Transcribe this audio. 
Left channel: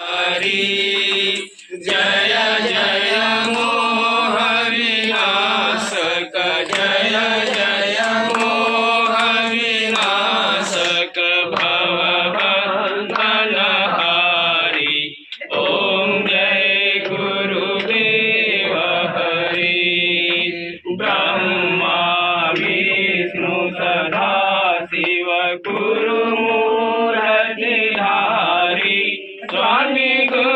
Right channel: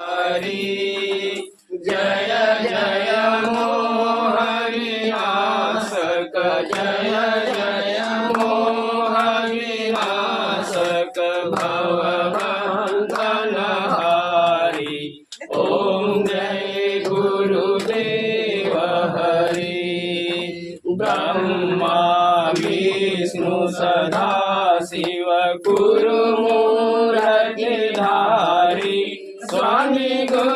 हरी जय जय मोहविनाशक जय जय मोहविनाशक भवबंधनहारी। ओम जय गुरुदेव हरी। ब्रह्मा विष्णु सदा शिव गुरु मूर्तिधारी स्वामी गुरु